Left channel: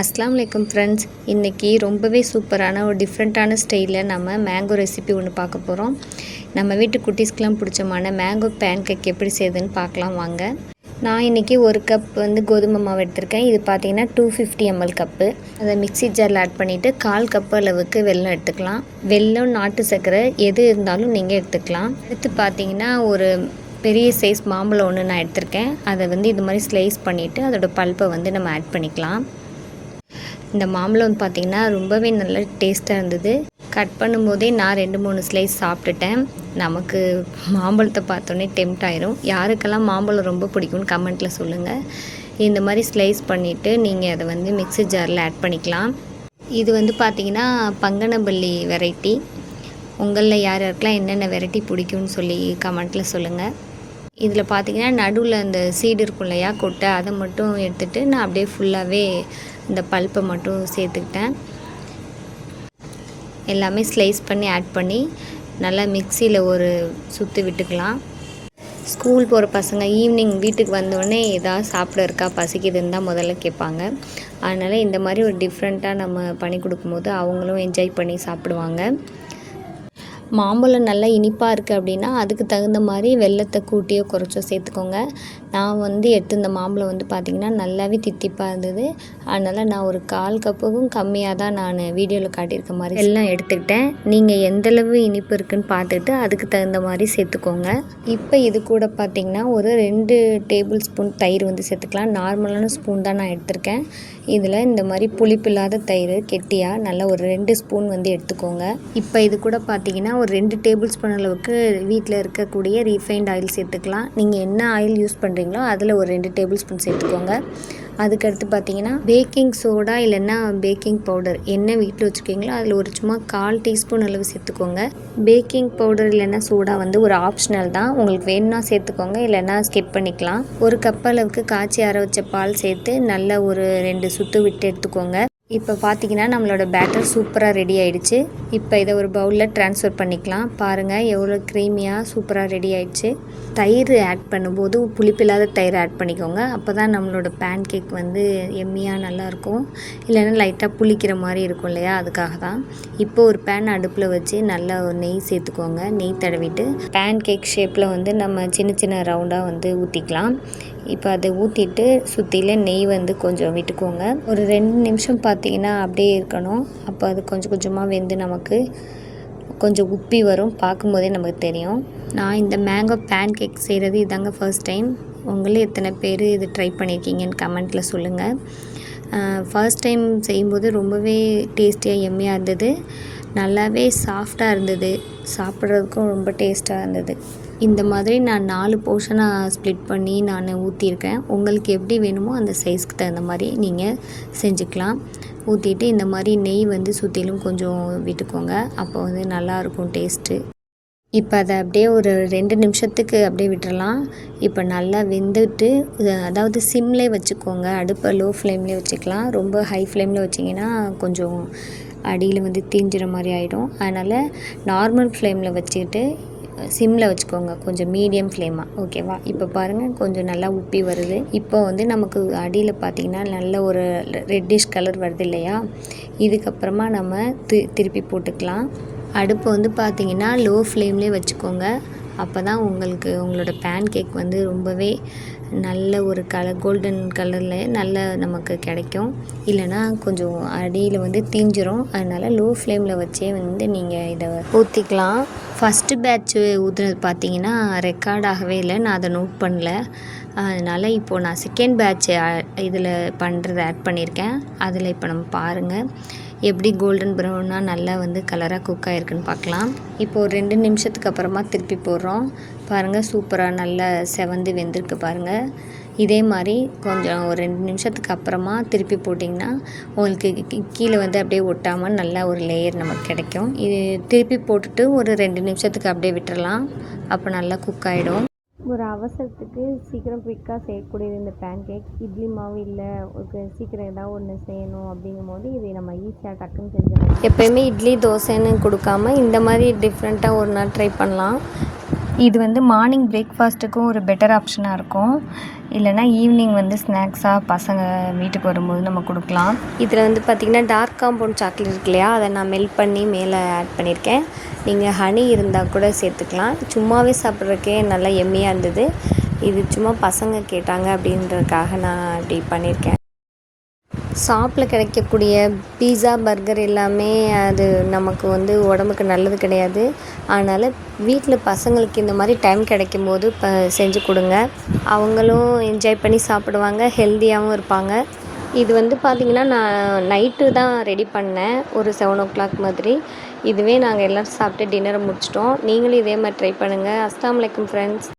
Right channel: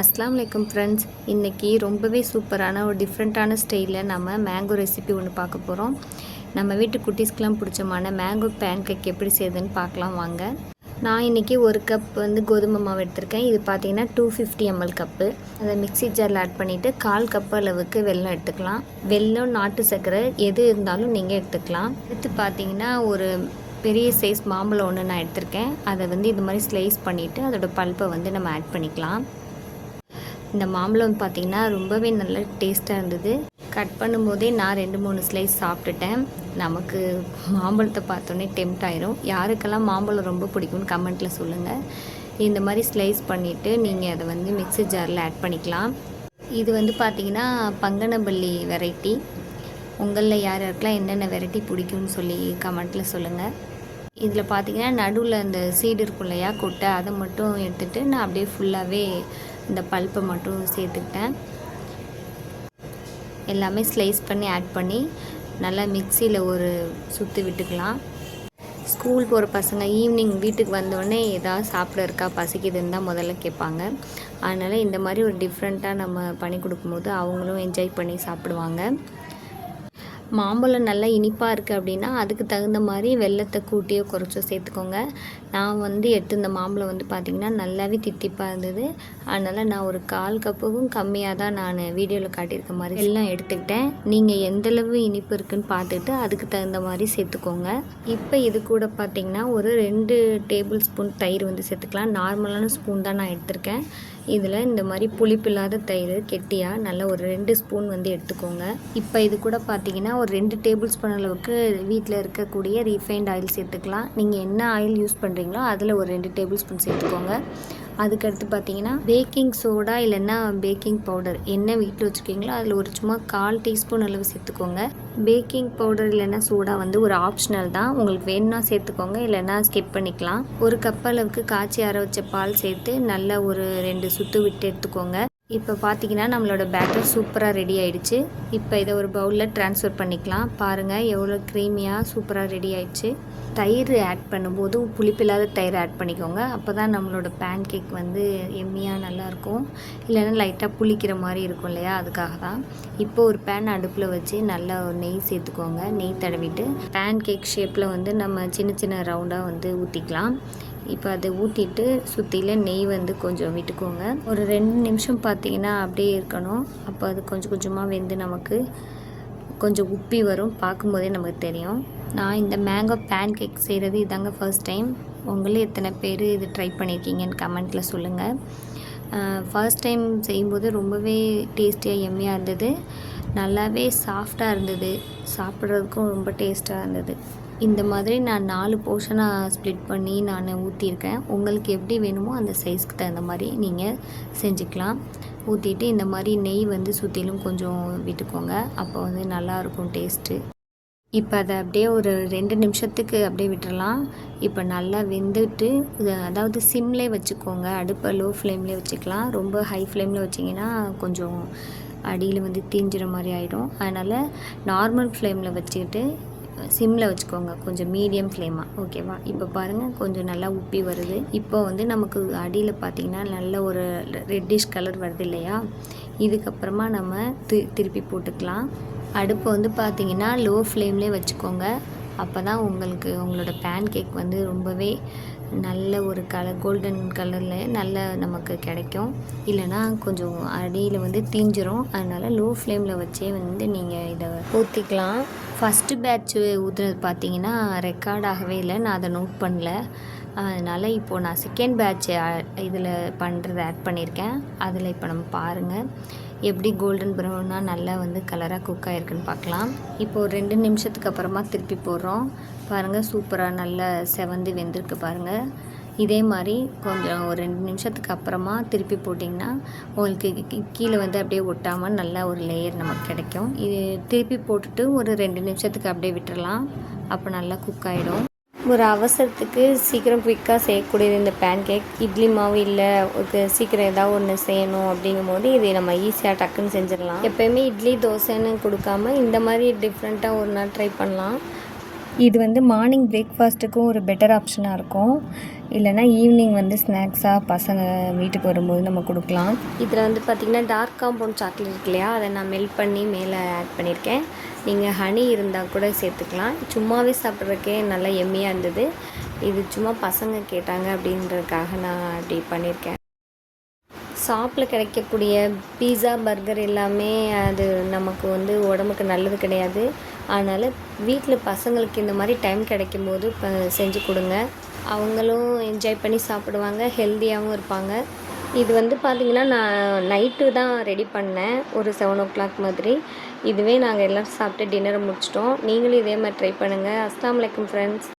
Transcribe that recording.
அஸ்ஸலாமு அலைக்கும் ஃப்ரெண்ட்ஸ். இன்றைக்கி ரொம்பவே சூப்பரான ஒரு டிஃப்ரெண்ட்டான ஸ்டைலில் நம்ம மேங்கோ ரெசிபி ஒன்று பார்க்க போகிறோம். நம்ம வீட்டு குட்டீஸ்க்கெலாம் பிடிச்சமான மேங்கோ பேன் கேக் எப்படி செய்யுதுன்னு பார்க்கலாம் வாங்க. நான் இன்றைக்கி ஒரு கப் கோதுமை மாவு எடுத்திருக்கேன். இது பார்த்திங்கன்னா 250 ml கப்பு. அதை மிக்ஸி ஜாரில் ஆட் பண்ணிவிட்டு 1/4 கப் அளவுக்கு வெல்லம் எடுத்துக்கலாம். வெல்லம், நாட்டு சர்க்கரை எது இருந்தாலும் நீங்கள் எடுத்துக்கலாம். அடுத்து பார்த்திங்கன்னா ஒரு பெரிய சைஸ் மாம்பழம் ஒன்று நான் எடுத்திருக்கேன். அதை இது மாதிரி ஸ்லைஸ் பண்ணிவிட்டு அதோட பல்ப்பை நம்ம ஆட் பண்ணிக்கலாம். இந்த மாம்பழம் பார்த்திங்கன்னா ரொம்பவே நல்ல டேஸ்ட்டாக இருந்தது. கட் பண்ணும்போதே நான் 2-3 ஸ்லைஸ் சாப்பிட்டுட்டேன். நமக்கு மாம்பழத்தை பார்த்தோன்னே டெம்ட் ஆயிரும். யாருக்கெல்லாம் மாம்பழம் ரொம்ப பிடிக்கும்னு கமெண்ட்டில் சொல்லுங்கள். இந்த மாதிரி ஸ்லைஸ் பண்ணிவிட்டு நீங்கள் அதை மிக்ஸி ஜாரில் ஆட் பண்ணிக்கலாம். இது பார்த்திங்கன்னா பங்கனப்பள்ளி வெரைட்டி. உங்களில் யார் யாருக்கெல்லாம் என்னென்ன வெரைட்டி பிடிக்கும்னு சொல்லி கமெண்ட்டில் சொல்லுங்கள். இதில் பார்த்திங்கன்னா நடுவில் அந்த சீடு இருக்கும் இல்லையா, கொட்டை, அதை மட்டும் எடுத்துகிட்டு நான் அப்படியே ஃபுல்லாகவே இந்த பல்ப்பை மட்டும் சேர்த்துக்கிட்டேன். எல்லாமே ஸ்லைஸ் பண்ணி ஆட் பண்ணி நல்லா மிக்சியில் ஒரு சுற்றி விட்டுக்கலாம். ஸ்கூல் போகிற பசங்க ஈவினிங் வீட்டுக்கு வந்தோடனே ஏதாவது சாப்பிட இருக்கா, பசிக்குதுன்னு தான் முதல்ல கேட்பாங்க. அதனால் இந்த மாதிரி ஒரு டிஃப்ரெண்ட்டாக நம்ம பண்ணி கொடுக்கும்போது அவங்களும் என்ஜாய் பண்ணி சாப்பிடுவாங்க. மாம்பழம் நல்லா இனிப்பாக இருக்குது அப்படின்னா அதுக்கு தகுந்த மாதிரி வெல்லத்தை கூட்டியோ குறைச்சோ சேர்த்துக்கோங்க. நான் எடுத்து இந்த மாம்பழம் பார்த்திங்கன்னா நல்லாவே தித்திப்பாக இருந்தது. அதனால் நான் ஒரு 1/4 கப்புக்கும் கம்மியாக தான் நான் வீடியோவில் காட்டியிருக்க மாதிரி வெல்லம் எடுத்துக்கிட்டேன். நீங்கள் எந்தளவு இனிப்பு இருக்குதுன்னு பார்த்துக்கிட்டு அதுக்கு தகுந்த மாதிரி சேர்த்துக்கோங்க. இப்போ இது கூட பார்த்திங்கன்னா ஒரு 2 டேபிள் ஸ்பூன் தயிர் சேர்த்துக்கலாம். நார்மலான ஸ்பூன் தான் நான் எடுத்திருக்கேன். இதில் இந்த மாதிரி புளிப்பில்லாத தயிர் கெட்டியாக நல்லா ஒரு 2 ஸ்பூன் எடுத்துக்கோங்க. இப்போ இது கூட பார்த்திங்கன்னா ஒரு 2 டேபிள் ஸ்பூன் அளவுக்கு வீட்டில் இருக்கக்கூடிய ரீஃபைண்ட் ஆயில் சேர்த்துக்கலாம். நீங்கள் என்ன ஆயில் யூஸ் பண்ணுறீங்களோ அதில் ஒரு 2 டேபிள் ஸ்பூன் சேர்த்துக்கோங்க. அதுக்கடுத்து பார்த்திங்கன்னா பேக்கிங் சோடா இல்லைன்னா பேக்கிங் பவுடர் என்ன வீட்டில் வச்சுருக்கீங்களோ அதில் ஒரு சும்மா 1/4 டீஸ்பூன் அளவு சேர்த்துக்கோங்க. பேக்கிங் பவுடர் இல்லைன்னா சோடா ஒரு ஆப்ஷனல் தான். உங்களுக்கு வேணும்னா சேர்த்துக்கோங்க, இல்லைன்னா ஸ்கிப் பண்ணிக்கலாம். ஒரு கப் அளவுக்கு காய்ச்சி ஆற வச்ச பால் சேர்த்து நல்லா ஒரு 2 சுற்று விட்டு எடுத்துக்கோங்க. இப்போ பார்த்திங்கன்னா நம்மளோட பேட்டர் சூப்பராக ரெடி ஆகிடுச்சு. இப்போ இதை ஒரு பவுலில் ட்ரான்ஸ்ஃபர் பண்ணிக்கலாம். பாருங்கள் எவ்வளோ க்ரீமியாக சூப்பராக ரெடி ஆகிடுச்சு. தயிர் ஆட் பண்ணும்போது புளிப்பில்லாத தயிர் ஆட் பண்ணிக்கோங்க. அப்போ தான் நம்மளோட பேன் கேக் எம்மியாக நல்லாயிருக்கும். இல்லைன்னா லைட்டாக புளிக்கிற மாதிரி இருக்கும் இல்லையா, அதுக்காக தான். இப்போ ஒரு பேன் அடுப்பில் வச்சு நல்லா ஒரு நெய் சேர்த்துக்கோங்க. நெய் தடவிட்டு பேன் கேக் ஷேப்பில் நம்ம சின்ன சின்ன ரவுண்டாக ஊற்றிக்கலாம். இப்போ அதை ஊற்றிட்டு சுற்றில நெய் கொஞ்சம் விட்டுக்கோங்க. ஒரு 2 நிமிஷம் பார்த்திங்கன்னா அப்படியே இருக்கணும். அப்போ அது கொஞ்சம் கொஞ்சமாக நமக்கு கொஞ்சம் உப்பி வரும். பார்க்கும்போதே நமக்கு தெரியும். நான் இந்த மேங்கோ பேன் கேக் செய்கிறது இதாங்க ஃபர்ஸ்ட் டைம். உங்களே எத்தனை பேர் இது ட்ரை பண்ணியிருக்கீங்கன்னு கமெண்ட்டில் சொல்லுங்கள். ஃபர்ஸ்ட் டைம் செய்யும்போது ரொம்பவே டேஸ்டியாக எம்மியாக இருந்தது. நல்லாவே சாஃப்டாக இருந்தது. சாப்பிட்றதுக்கும் ரொம்ப டேஸ்ட்டாக இருந்தது. இந்த மாதிரி நான் 4 போர்ஷனாக ஸ்ப்ளிட் பண்ணி நான் ஊற்றிருக்கேன். உங்களுக்கு எப்படி வேணுமோ அந்த சைஸ்க்கு தகுந்த மாதிரி நீங்கள் செஞ்சுக்கலாம். ஊற்றிட்டு இந்த மாதிரி நெய் சுற்றிலும் கொஞ்சம் விட்டுக்கோங்க. அப்போ நல்லாயிருக்கும் டேஸ்ட்டு. இப்போ அதை அப்படியே ஒரு 2 நிமிஷத்துக்கு அப்படியே விட்டுறலாம். இப்போ நல்லா வெந்துட்டு, அதாவது சிம்லே வச்சுக்கோங்க. அடுப்பை லோ ஃப்ளேம்லேயே வச்சுக்கலாம். ரொம்ப ஹை ஃப்ளேமில் வச்சிங்கன்னா கொஞ்சம் அடியில் தீஞ்சிற மாதிரி ஆகிடும். அதனால் நார்மல் ஃப்ளேமில் வச்சுக்கிட்டு சிம்மில் வச்சுக்கோங்க, கொஞ்சம் மீடியம் ஃப்ளேமாக. ஓகேவா? இப்போ பாருங்கள் கொஞ்சம் நல்லா உப்பி வருது. இப்போ நமக்கு அடியில் பார்த்திங்கன்னா நல்ல ஒரு ரெட்டிஷ் கலர் வருது இல்லையா, இதுக்கப்புறமா நம்ம திருப்பி போட்டுக்கலாம். அடுப்பு பார்த்திங்கன்னா லோ ஃப்ளேம்லேயே வச்சுக்கோங்க. அப்போ தான் உங்களோட பேன் கேக் ரொம்பவே நல்ல ஒரு கோல்டன் கலரில் நல்ல நமக்கு கிடைக்கும். இல்லைனா கொஞ்சம் அடியில் தீஞ்சிரும். அதனால் லோ ஃப்ளேமில் வச்சே நீங்கள் இதை ஊற்றிக்கலாம். ஃபஸ்ட்டு பேட்ச்சு ஊற்றுனது பார்த்திங்கன்னா ரெக்கார்ட் ஆகவே இல்லை. நான் அதை நோட் பண்ணல. அதனால் இப்போது நான் செகண்ட் பேட்ச்சு இதில் பண்ணுறதை ஆட் பண்ணியிருக்கேன். அதில் இப்போ நம்ம பாருங்கள் எப்படி கோல்டன் ப்ரௌனாக நல்லா கலராக குக் ஆகிருக்குன்னு பார்க்கலாம். இப்போது 2 நிமிஷத்துக்கு அப்புறமா திருப்பி போடுறோம். பாருங்கள் சூப்பராக நல்லா செவந்து வெந்திருக்கு பாருங்கள். இதே மாதிரி கொஞ்சம் ஒரு 2 நிமிஷத்துக்கு அப்புறமா திருப்பி போட்டிங்கன்னா உங்களுக்கு கீழே அப்படியே ஒட்டாமல் நல்லா ஒரு லேயர் நமக்கு கிடைக்கும். இது திருப்பி போட்டுட்டு ஒரு 2 நிமிஷத்துக்கு அப்படியே விட்டுறலாம். அப்போ நல்லா குக் ஆகிடும். ஒரு அவசரத்துக்கு சீக்கிரம் குயிக்காக செய்யக்கூடியது இந்த பேன் கேக். இட்லி மாவு இல்லை, சீக்கிரம் ஏதாவது ஒன்று செய்யணும் அப்படிங்கும் போது இது நம்ம ஈஸியாக டக்குன்னு செஞ்சிடலாம். எப்போயுமே இட்லி தோசைன்னு கொடுக்காம இந்த மாதிரி டிஃப்ரெண்ட்டாக ஒரு நாள் ட்ரை பண்ணலாம். இது வந்து மார்னிங் பிரேக்ஃபாஸ்ட்டுக்கும் ஒரு பெட்டர் ஆப்ஷனாக இருக்கும். இல்லைனா ஈவினிங் வந்து ஸ்நாக்ஸாக பசங்க வீட்டுக்கு வரும்போது நம்ம கொடுக்கலாம். இதில் வந்து பார்த்திங்கன்னா டார்க் காம்பவுண்ட் சாக்லேட் இருக்கு இல்லையா, அதை நான் மெல்ட் பண்ணி மேலே ஆட் பண்ணியிருக்கேன். நீங்கள் ஹனி இருந்தால் கூட சேர்த்துக்கலாம். சும்மாவே சாப்பிட்றதுக்கே நல்லா எம்மியாக இருந்தது. இது சும்மா பசங்க கேட்டாங்க அப்படின்றதுக்காக நான் இப்படி பண்ணியிருக்கேன். ஷாப்பில் கிடைக்கக்கூடிய பீஸா, பர்கர் எல்லாமே அது நமக்கு வந்து உடம்புக்கு நல்லது கிடையாது. அதனால் வீட்டில் பசங்களுக்கு இந்த மாதிரி டைம் கிடைக்கும்போது செஞ்சு கொடுங்க. அவங்களும் என்ஜாய் பண்ணி சாப்பிடுவாங்க, ஹெல்த்தியாகவும் இருப்பாங்க. இது வந்து பார்த்திங்கன்னா நான் நைட்டு தான் ரெடி பண்ணேன், ஒரு 7 o'clock மாதிரி. இதுவே நாங்கள் எல்லோரும் சாப்பிட்டு டின்னரை முடிச்சிட்டோம். நீங்களும் இதே மாதிரி ட்ரை பண்ணுங்கள். அஸ்ஸலாமு அலைக்கும் ஃப்ரெண்ட்ஸ்.